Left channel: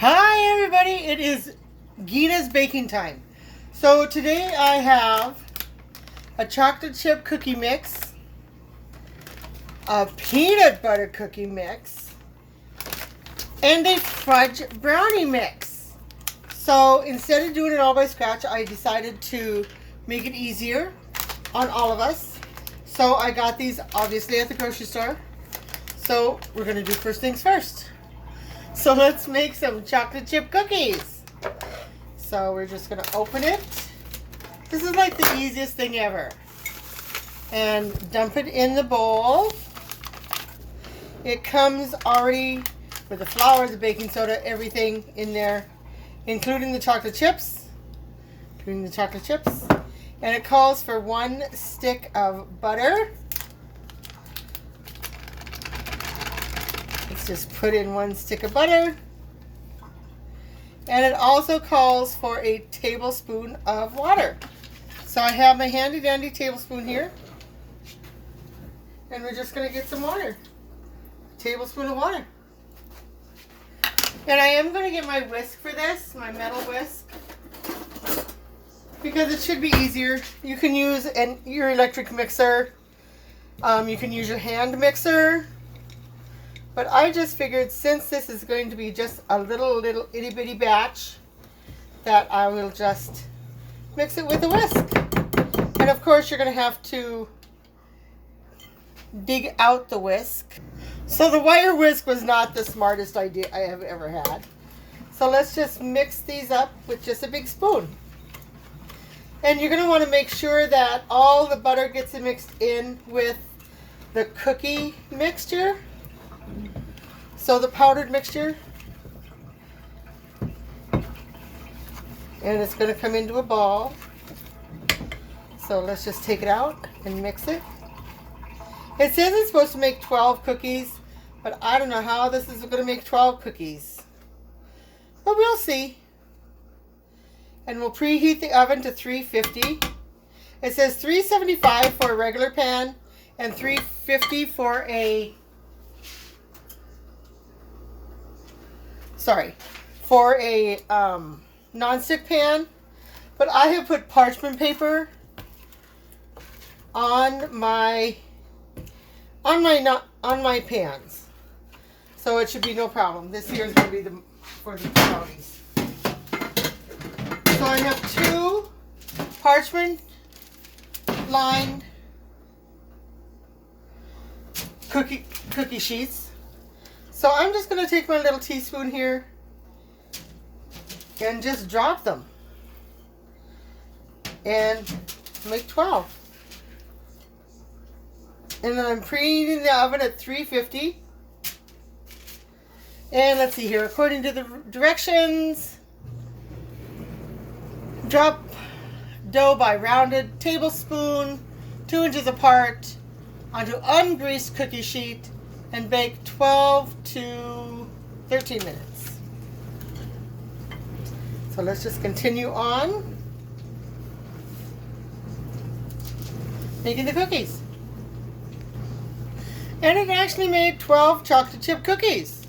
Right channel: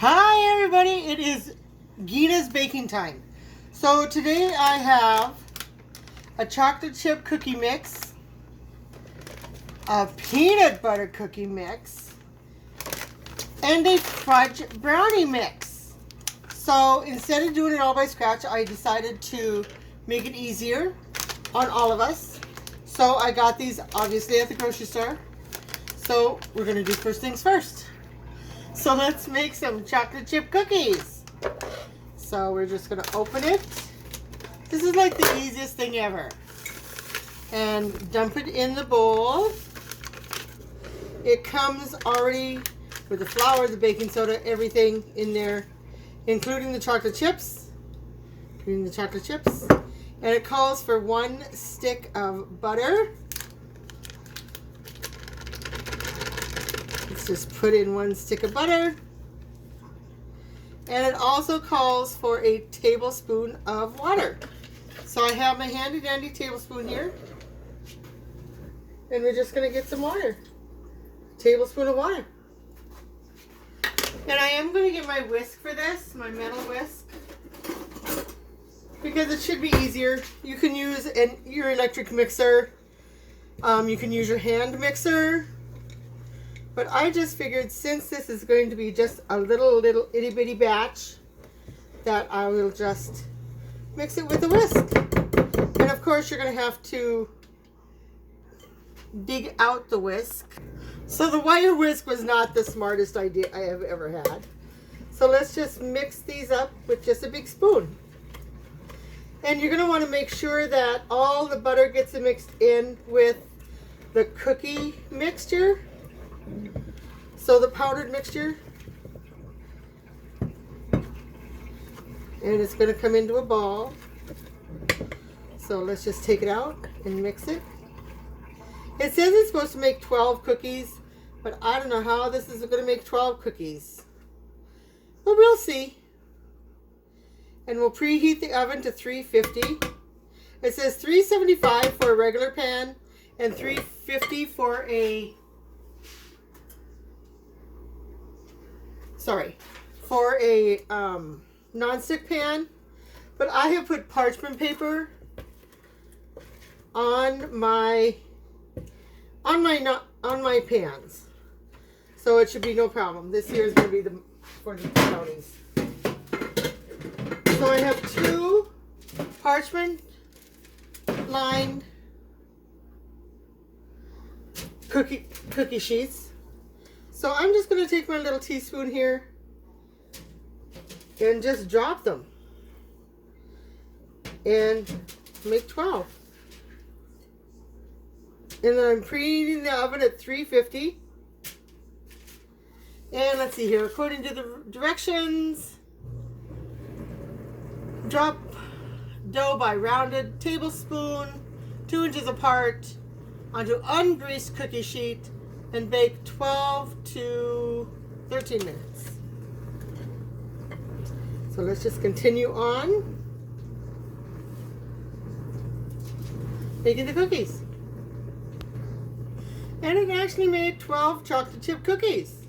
Hi everybody, it is Gina's baking time. So today I have a chocolate chip cookie mix, a peanut butter cookie mix, and a fudge brownie mix. So instead of doing it all by scratch, I decided to make it easier on all of us. So I got these obviously at the grocery store. So we're going to do first things first. So let's make some chocolate chip cookies. So we're just going to open it. This is like the easiest thing ever. And dump it in the bowl. It comes already with the flour, the baking soda, everything in there, including the chocolate chips. And it calls for 1 stick of butter. Just put in 1 stick of butter. And it also calls for a tablespoon of water. So I have my handy dandy tablespoon here. And we're just going to get some water. Tablespoon of water. And I am going to get my whisk for this, my metal whisk. Because it should be easier. You can use your electric mixer. You can use your hand mixer. But I just figured since this is going to be just a little itty bitty batch, that I will just mix it with a whisk. And of course you're going to have to dig out the whisk. So the wire whisk was not the smartest idea I have ever had. So let's just mix these up with just a big spoon. And you're going to want to make sure that all the butter gets mixed in with the cookie mixture. So the powdered mixture, and it's going to come into a ball. So let's just take it out and mix it. It says it's supposed to make 12 cookies, but I don't know how this is going to make 12 cookies. But we'll see. And we'll preheat the oven to 350. It says 375 for a regular pan and 350 for a non-stick pan, but I have put parchment paper on my pans, so it should be no problem. This here is going to be for the brownies. So I have 2 parchment lined cookie sheets. So I'm just going to take my little teaspoon here and just drop them and make 12. And then I'm preheating the oven at 350. And let's see here, according to the directions, drop dough by rounded tablespoon 2 inches apart onto ungreased cookie sheet and bake 12 to 13 minutes. So let's just continue on making the cookies. And it actually made 12 chocolate chip cookies.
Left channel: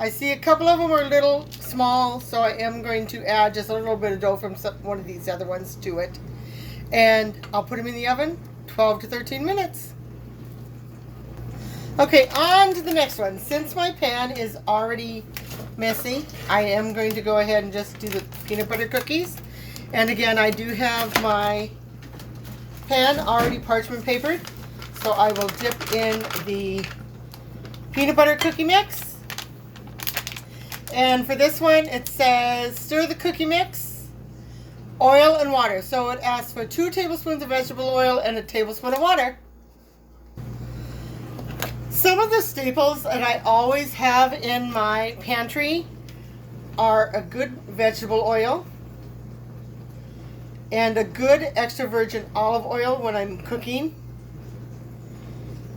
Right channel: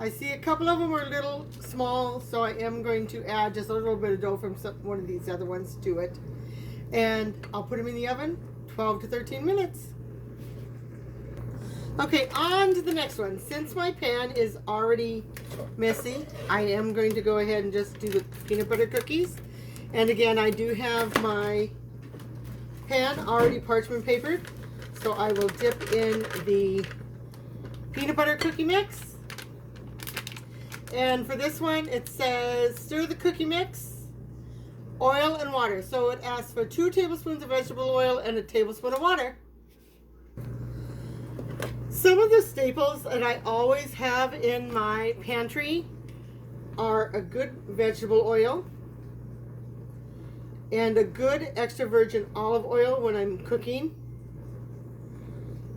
I see a couple of them are a little small, so I am going to add just a little bit of dough from one of these other ones to it. And I'll put them in the oven 12 to 13 minutes. Okay, on to the next one. Since my pan is already messy, I am going to go ahead and just do the peanut butter cookies. And again, I do have my pan already parchment papered, so I will dip in the peanut butter cookie mix. And for this one, it says stir the cookie mix, oil and water. So it asks for 2 tablespoons of vegetable oil and a tablespoon of water. Some of the staples that I always have in my pantry are a good vegetable oil and a good extra virgin olive oil when I'm cooking,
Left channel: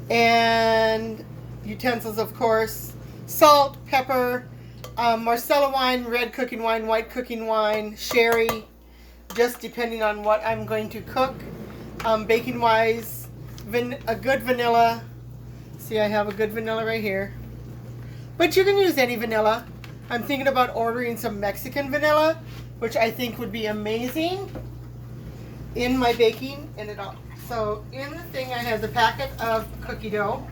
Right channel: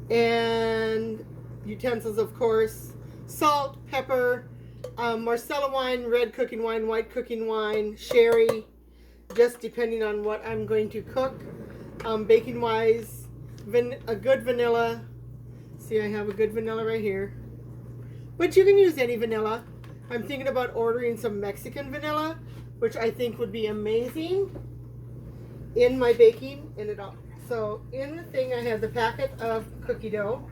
and utensils, of course, salt, pepper, Marsala wine, red cooking wine, white cooking wine, sherry, just depending on what I'm going to cook. Baking wise, a good vanilla. See, I have a good vanilla right here. But you can use any vanilla. I'm thinking about ordering some Mexican vanilla, which I think would be amazing in my baking. So in the thing I have the packet of cookie dough,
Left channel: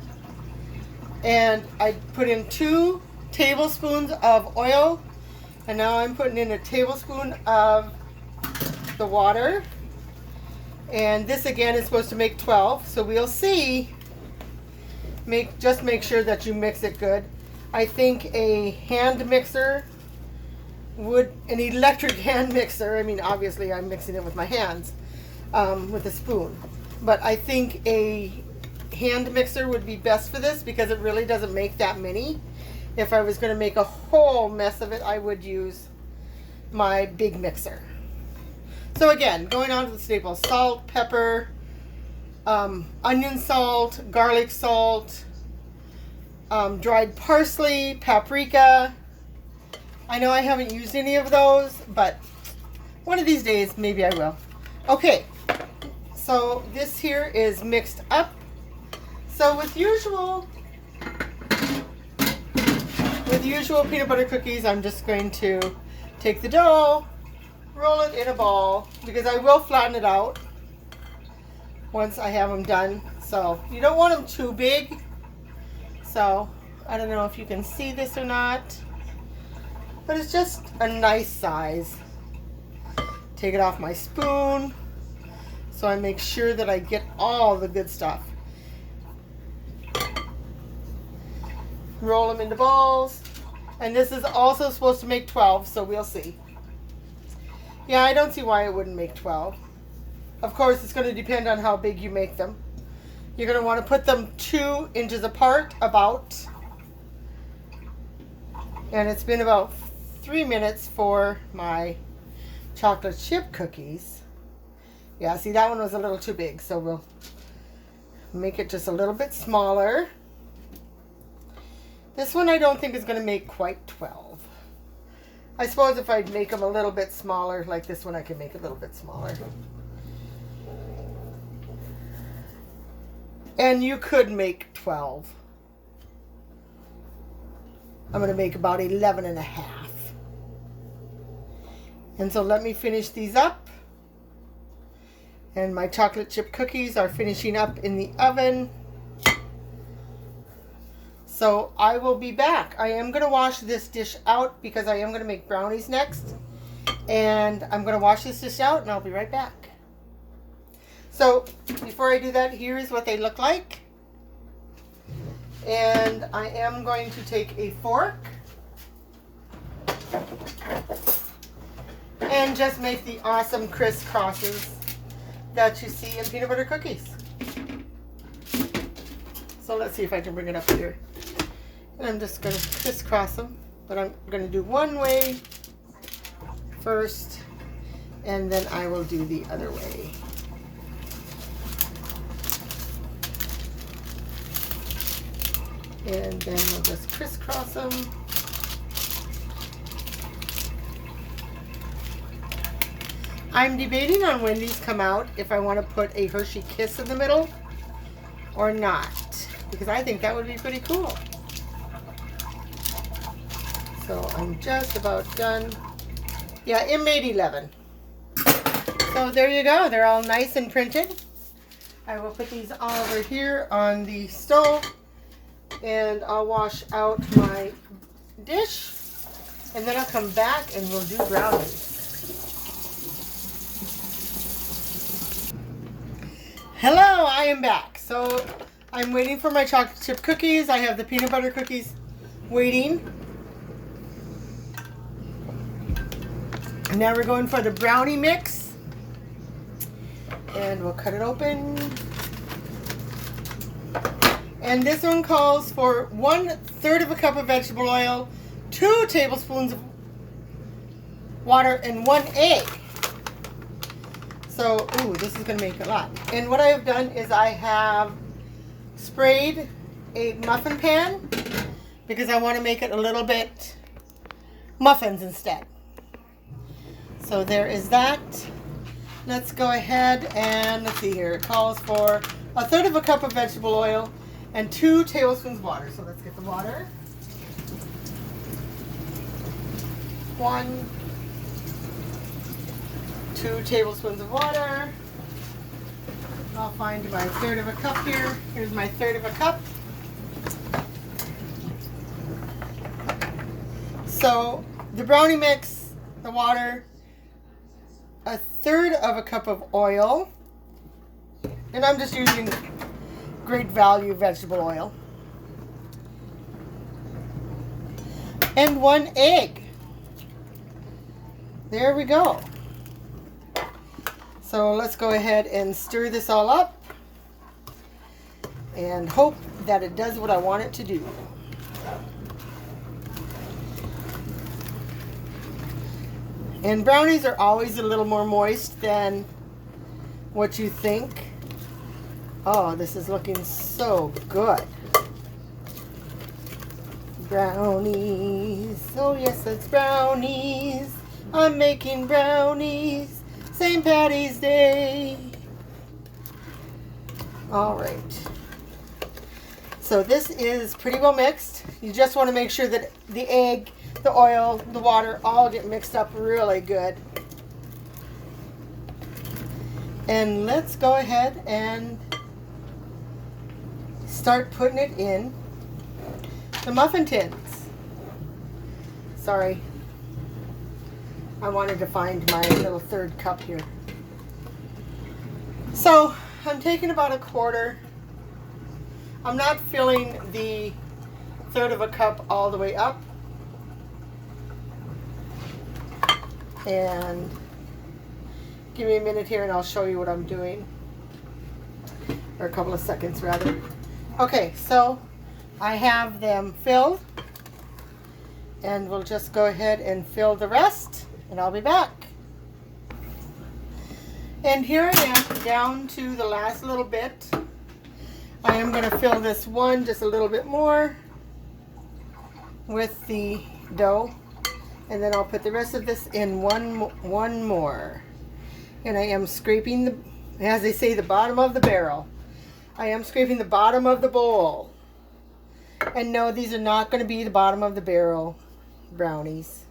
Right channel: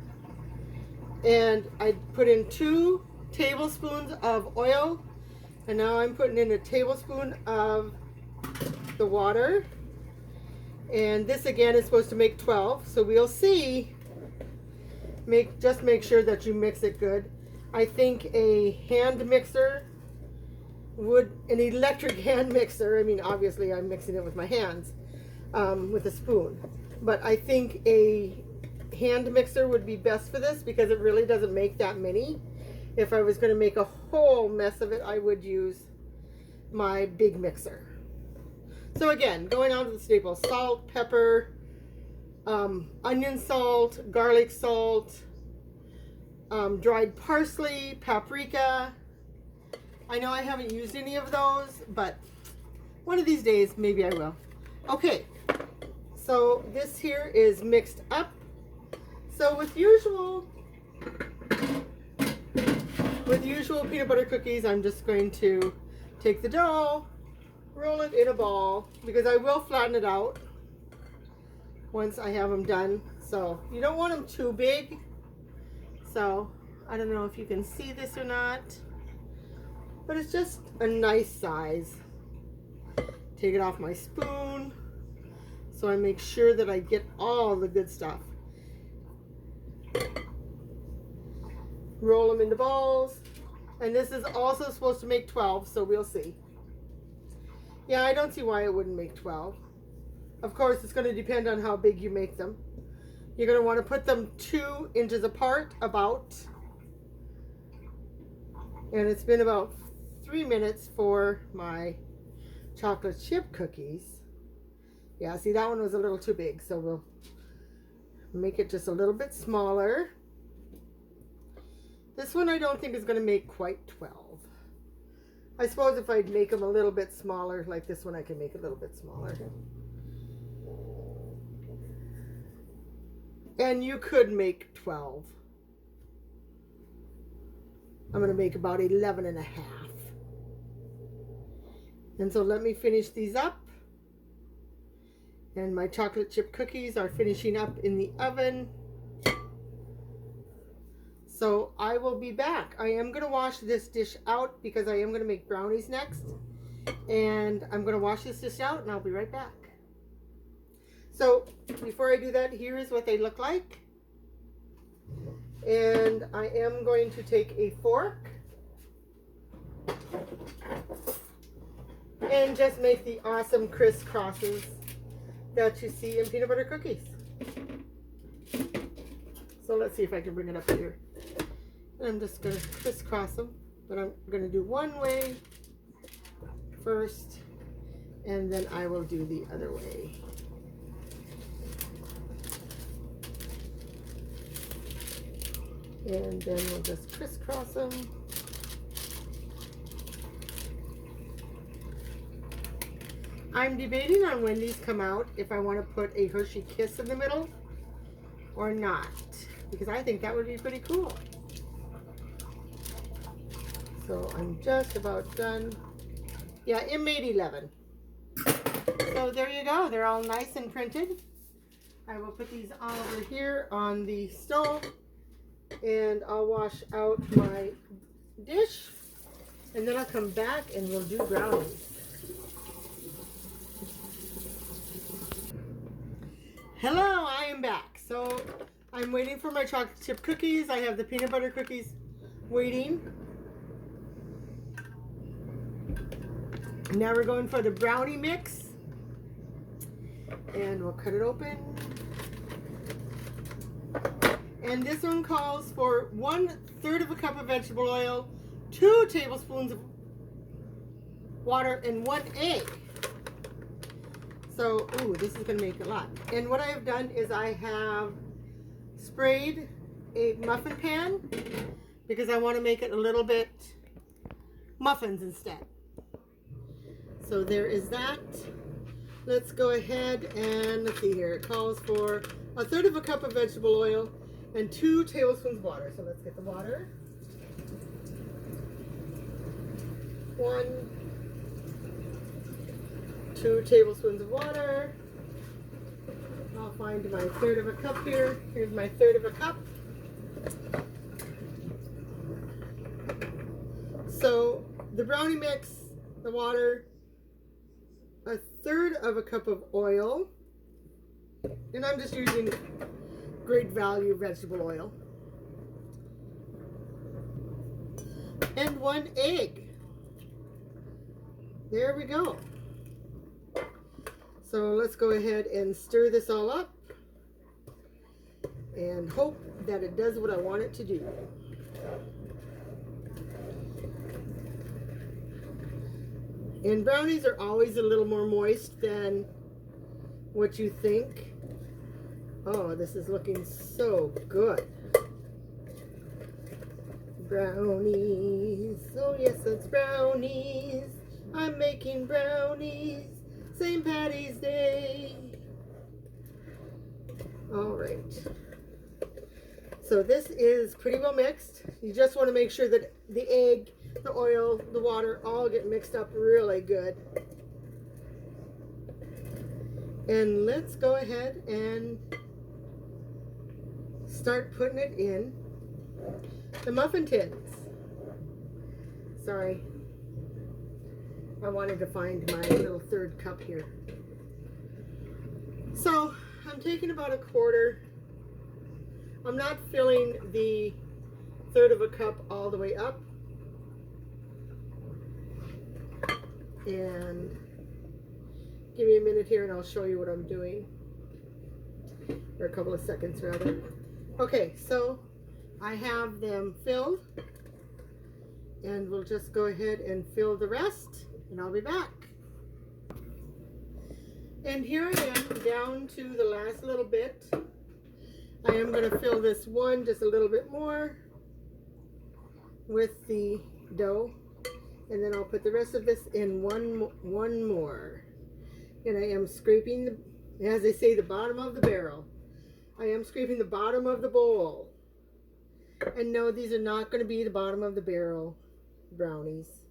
and I put in 2 tablespoons of oil, and now I'm putting in a tablespoon of the water, and this again is supposed to make 12, so we'll see. Just make sure that you mix it good. I think a hand mixer an electric hand mixer, I mean obviously I'm mixing it with my hands, with a spoon, but I think a hand mixer would be best for this because it really doesn't make that many. If I was going to make a whole mess of it, I would use my big mixer. So again, going on to the staples: salt, pepper, onion salt, garlic salt, dried parsley, paprika. I know I haven't used any of those, but one of these days maybe I will. Okay, so this here is mixed up. So with usual peanut butter cookies, I'm just going to take the dough, roll it in a ball, because I will flatten it out once I have them done. So you don't want them too big. So I don't know if you can see this or not, but it's just a nice size. Take it off my spoon so I make sure that I get all the good stuff. Roll them into balls, and this is also supposed to make 12, so we'll see. Yeah, I don't see why it wouldn't make 12. Of course, it's going to depend on how big you make them. You're going to want to put them 2 inches apart about, and it's been about 3 minutes for my chocolate chip cookies. Yeah, see, that one was a little too big, so we'll make it just a little bit smaller. This one I don't think is going to make quite 12. I suppose if I'd make them a little bit smaller, like this one, I can make a little bit smaller. And you could make 12. I'm going to make about 11 and a half. And so let me finish these up. And my chocolate chip cookies are finishing up in the oven. So I will be back. I am going to wash this dish out because I am going to make brownies next. And I'm going to wash this dish out and I'll be right back. So before I do that, here's what they look like. And I am going to take a fork and just make the awesome crisscrosses that you see in peanut butter cookies. So let's see if I can bring it up here. And I'm just going to crisscross them, but I'm going to do one way first, and then I will do the other way. And then we'll just crisscross them. I'm debating on when these come out, if I want to put a Hershey Kiss in the middle or not, because I think that would be pretty cool. So I'm just about done. Yeah, it made 11. So there you go. They're all nice and printed. I will put these all over here on the stove, and I'll wash out my dish, and then I'll come back and we'll do brownies. Hello, I am back. So I'm waiting for my chocolate chip cookies. I have the peanut butter cookies waiting. Now we're going for the brownie mix, and we'll cut it open. And this one calls for 1/3 of a cup of vegetable oil, 2 tablespoons of water, and 1 egg. So, ooh, this is going to make a lot. And what I have done is I have sprayed a muffin pan because I want to make it a little bit muffins instead. So there is that. Let's go ahead and let's see here. It calls for 1/3 of a cup of vegetable oil and 2 tablespoons of water. So let's get the water. 2 tablespoons of water. I'll find my 1/3 of a cup here. Here's my 1/3 of a cup. So the brownie mix, the water, 1/3 of a cup of oil, and I'm just using great value vegetable oil, and 1 egg. There we go. So let's go ahead and stir this all up and hope that it does what I want it to do. And brownies are always a little more moist than what you think. Oh, this is looking so good. Brownies. Oh yes, it's brownies. I'm making brownies. St. Patty's Day. All right. So this is pretty well mixed. You just want to make sure that the egg, the oil, the water all get mixed up really good. And let's go ahead and start putting it in the muffin tins. Sorry. I wanted to find my little 1/3 cup here. So I'm taking about 1/4. I'm not filling the 1/3 of a cup all the way up. And give me a minute here and I'll show you what I'm doing. Or a couple of seconds rather. Okay, so I have them filled. And we'll just go ahead and fill the rest. And I'll be back. And here I am down to the last little bit. I am going to fill this one just a little bit more with the dough. And then I'll put the rest of this in one more. And I am scraping the, as they say, the bottom of the barrel. I am scraping the bottom of the bowl. And no, these are not going to be the bottom of the barrel brownies.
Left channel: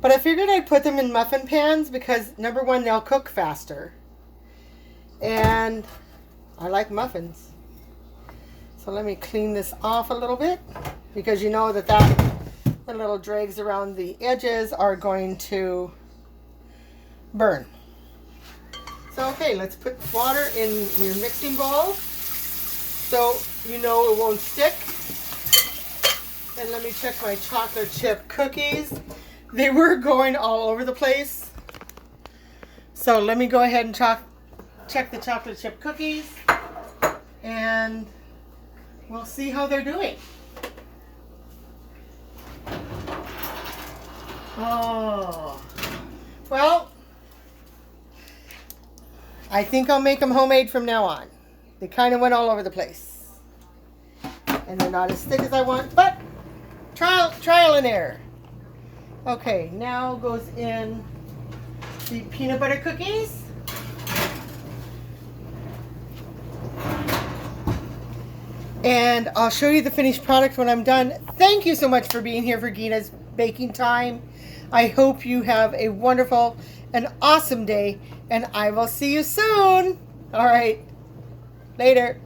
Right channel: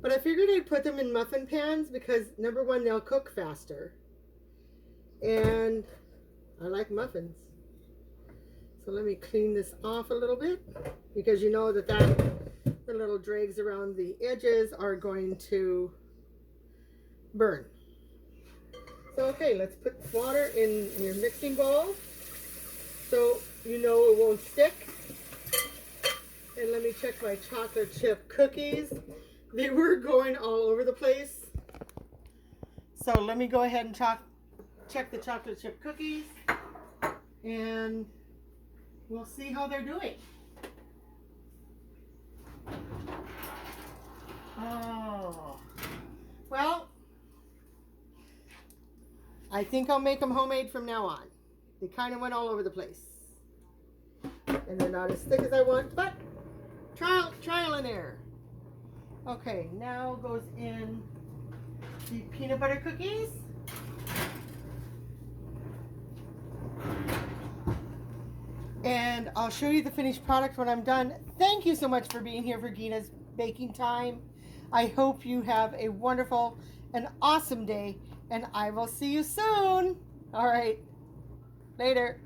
But I figured I'd put them in muffin pans because, number one, they'll cook faster. And I like muffins. So let me clean this off a little bit because you know that the little dregs around the edges are going to burn. So, okay, let's put water in your mixing bowl so you know it won't stick. And let me check my chocolate chip cookies. They were going all over the place. So let me go ahead and check the chocolate chip cookies. And we'll see how they're doing. Oh. Well, I think I'll make them homemade from now on. They kind of went all over the place. And they're not as thick as I want, but trial and error. Okay, now goes in the peanut butter cookies. And I'll show you the finished product when I'm done. Thank you so much for being here for Gina's Baking Time. I hope you have a wonderful and awesome day, and I will see you soon. All right, later.